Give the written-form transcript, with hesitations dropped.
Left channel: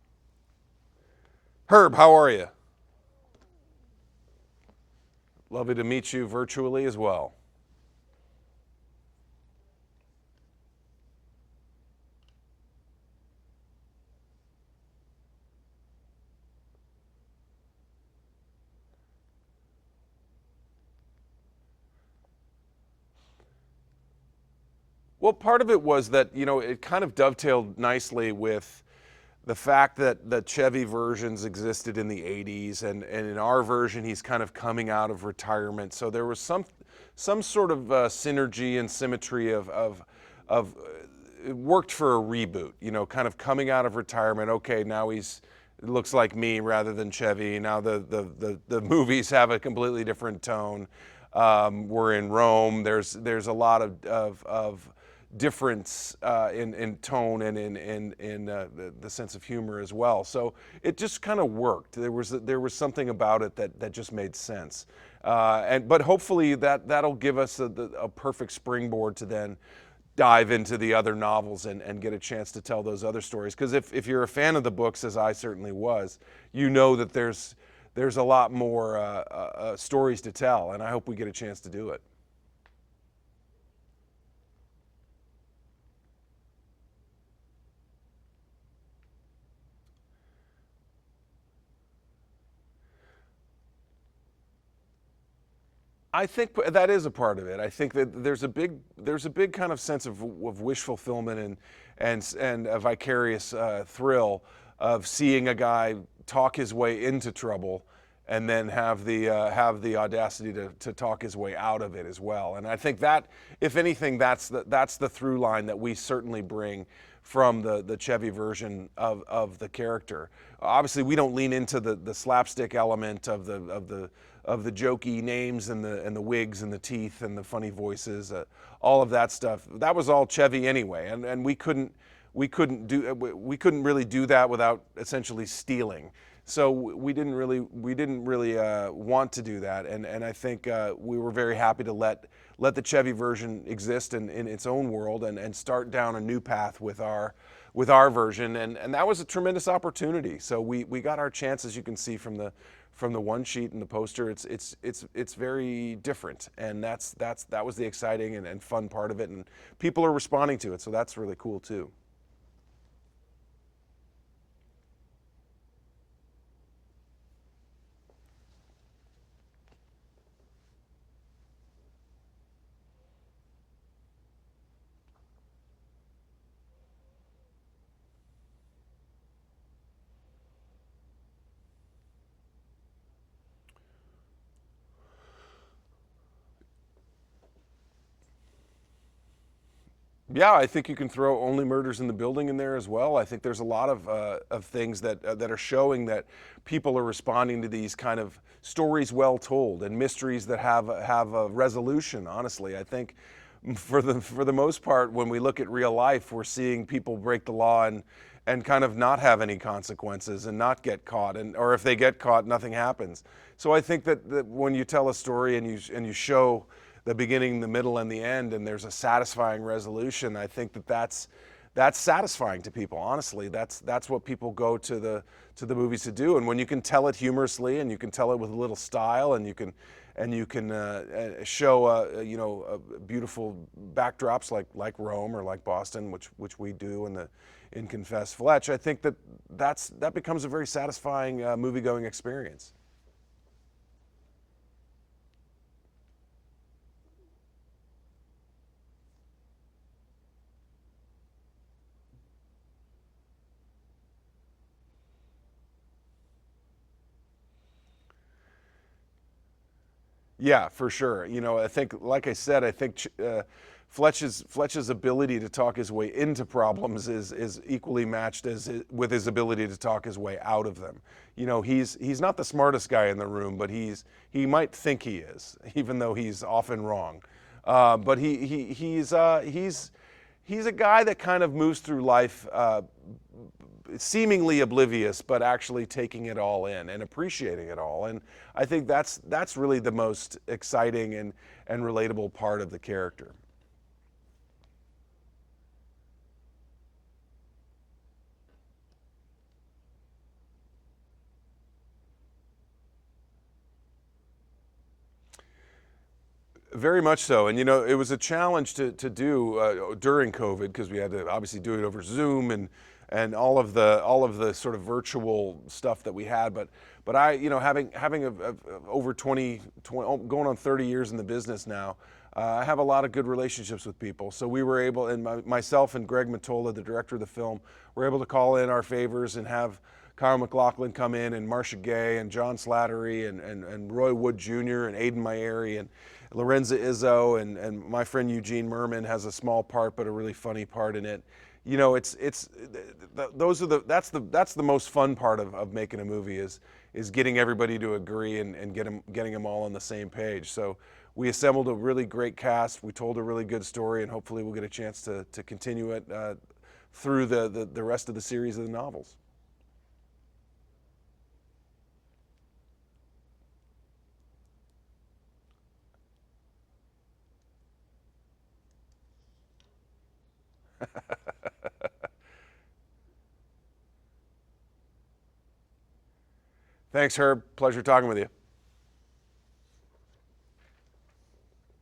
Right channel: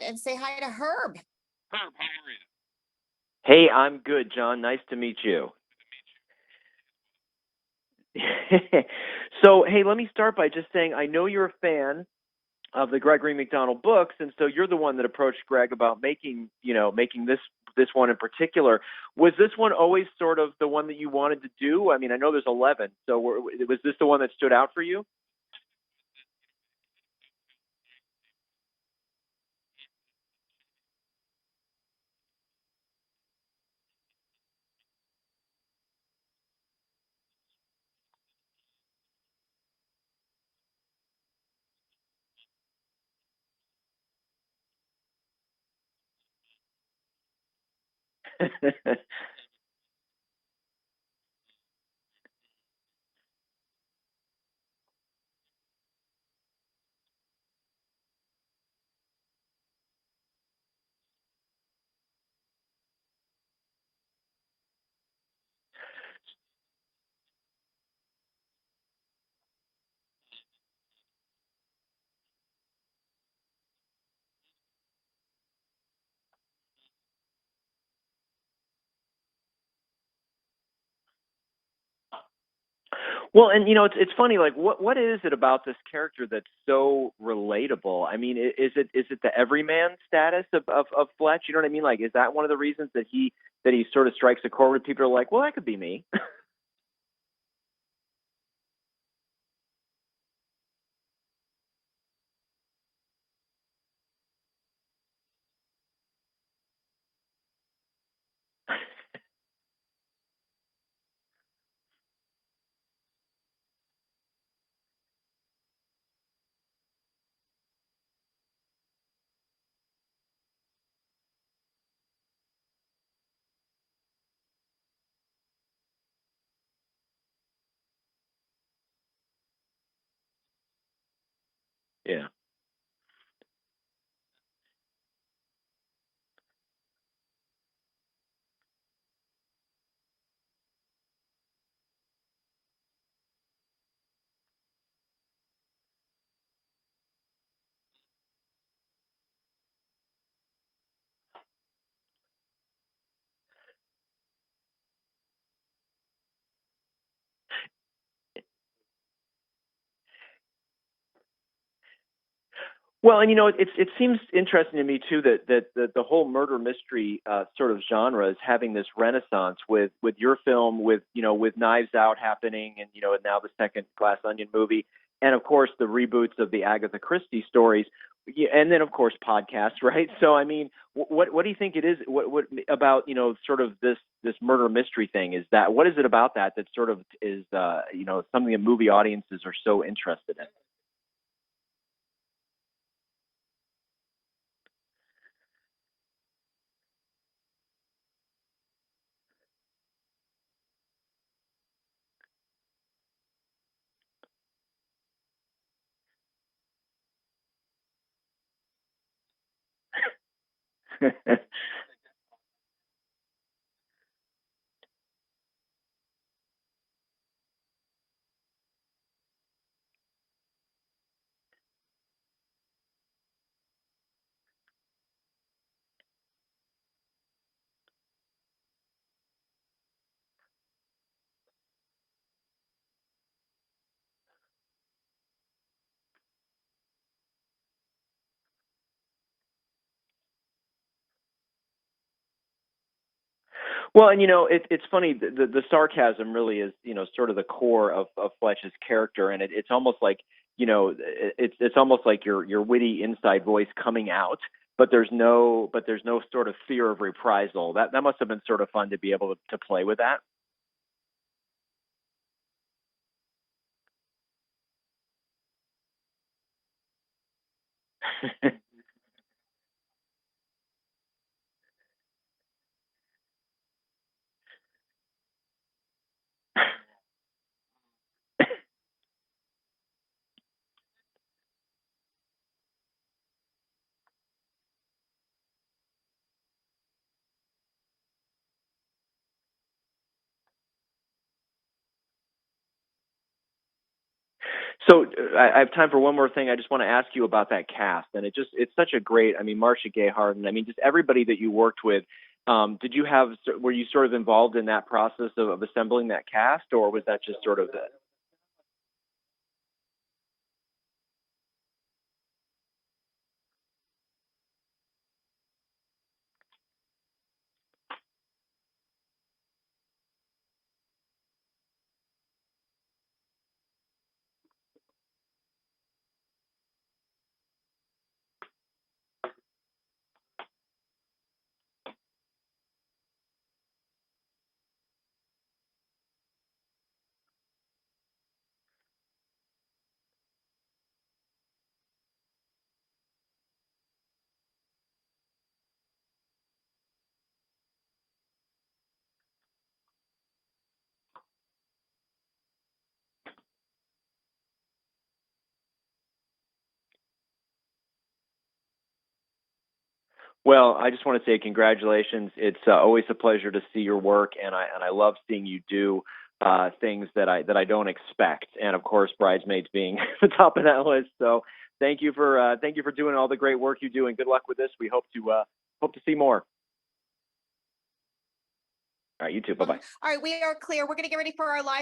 and say hi to Herb. Herb, how are you? Hey, I'm good, John. Nice to meet you. Lovely to meet you virtually as well. So, hey, let me start by just saying I know you're a fan of the Gregory McDonald books, and so you're the one that approached Greg about making this one in particular. Was this one always sort of the one that you wanted to do? I mean, I know there's 11, so was this the one that stood out for you? Well, part of it was that, it kind of dovetailed nicely with the fact that the Chevy versions existed in the 80s, and in our version, he's kind of coming out of retirement. So there was some sort of synergy and symmetry of it worked for a reboot, kind of coming out of retirement. Okay, now it looks like me rather than Chevy. Now the movies have a completely different tone. We're in Rome. There's a lot of difference in tone and in the sense of humor as well. So it just kind of worked. There was something about it that just made sense. But hopefully that'll give us a perfect springboard to then dive into the other novels and get a chance to tell those other stories. Because if you're a fan of the books, as I certainly was, you know that there's a lot more stories to tell, and I hope we get a chance to do it. Well, and it's funny. Like, what is it about this character that's so relatable? I mean, is it the everyman status of Fletch? You know what I mean? Like, is that one of the reasons that he sort of strikes a chord with people who are like, well, that could be me? I think that is a part of it. I think that there's a big kind of sense of wish fulfillment and a vicarious thrill of seeing a guy talk his way into trouble and then have the audacity to talk his way out of it as well. And I think that, if anything, that's the through line that we certainly bring from the Chevy version of the character. Obviously, we don't lean into the slapstick element of the jokey names and the wigs and the teeth and the funny voices, all of that stuff. That was all Chevy anyway, and we couldn't Yeah. we couldn't really do that without essentially stealing. So we didn't really want to do that, and I think we were very happy to let the Chevy version exist in its own world and start down a new path with our version, and that was a tremendous opportunity. So we got our chance, as you can see from the one sheet and the poster. It's very different, and that was the exciting and fun part of it, and people are responding to it, so that's really cool too. Well, and it seems interesting to me too that the whole murder mystery sort of genre is having this renaissance with your film, with Knives Out happening, and and now the second Glass Onion movie, and of course the reboots of the Agatha Christie stories, and then of course podcasts, right? So I mean, what do you think it is? What about sort of this murder mystery thing? What is it about that sort of is something that movie audiences are so interested in? Yeah, I think you can throw Only Murders in the Building in there as well. I think there's a lot of things that are showing that people are responding to these kind of stories well told and mysteries that have a resolution. Honestly, I think for the most part, when we look at real life, we're seeing people break the law and kind of not have any consequences and not get caught, or if they get caught, nothing happens. So I think that when you tell a story and you show the beginning, the middle, and the end, and there's a satisfying resolution, I think that's satisfying to people. Honestly, that's what people go to the movies to do. And when you can tell it humorously, and you can tell it with a little style, and you can show beautiful backdrops like Rome or like Boston, which we do in Confess Fletch, I think that becomes a very satisfying movie-going experience. Well, and it's funny. The sarcasm really is sort of the core of Fletch's character, and it's almost like it's almost like your witty inside voice coming out, but there's no sort of fear of reprisal. That must have been sort of fun to be able to play with that. Yeah, for sure. I think, like I said, I think Fletch's ability to talk his way into problems is equally matched with his ability to talk his way out of them. He's not the smartest guy in the room, but he might think he is, even though he's often wrong. But he's a guy that kind of moves through life seemingly oblivious, but actually taking it all in and appreciating it all. And I think that's really the most exciting and relatable part of the character. So I have time for one more thing. I just want to ask you about that cast, and it's such a great. I mean, Marcia Gay Harden. I mean, just everybody that you worked with. Were you sort of involved in that process of assembling that cast, or Very was that much just so, and sort you of know, it was a challenge to do during COVID because we had to obviously do it over Zoom and all of the sort of virtual stuff that we had. But I, you know, having over 20 going on 30 years in the business now, I have a lot of good relationships with people. So we were able, and myself and Greg McDonald, the director of the film, were able to call in our favors and have Kyle MacLachlan come in, and Marcia Gay, and John Slattery, and Roy Wood Jr., and Aidan Myeri, and Lorenza Izzo, and my friend Eugene Merman has a small part, but a really funny part in it. You know, that's the most fun part of making a movie is getting everybody to agree and getting them all on the same page. So we assembled a really great cast. We told a really good story, and hopefully we'll get a chance to continue it through the rest of the series of the novels. Well, I just want to say congratulations. It's always a pleasure to see your work, and I love seeing you do things that I don't expect. And of course, Bridesmaids being the top of that list. So thank you for doing all the great work you do, and good luck with this. We hope to see more. Thanks, Herb. Pleasure talking with you. All right, you too. Bye bye. All right, we are clear. We're going to get ready for our live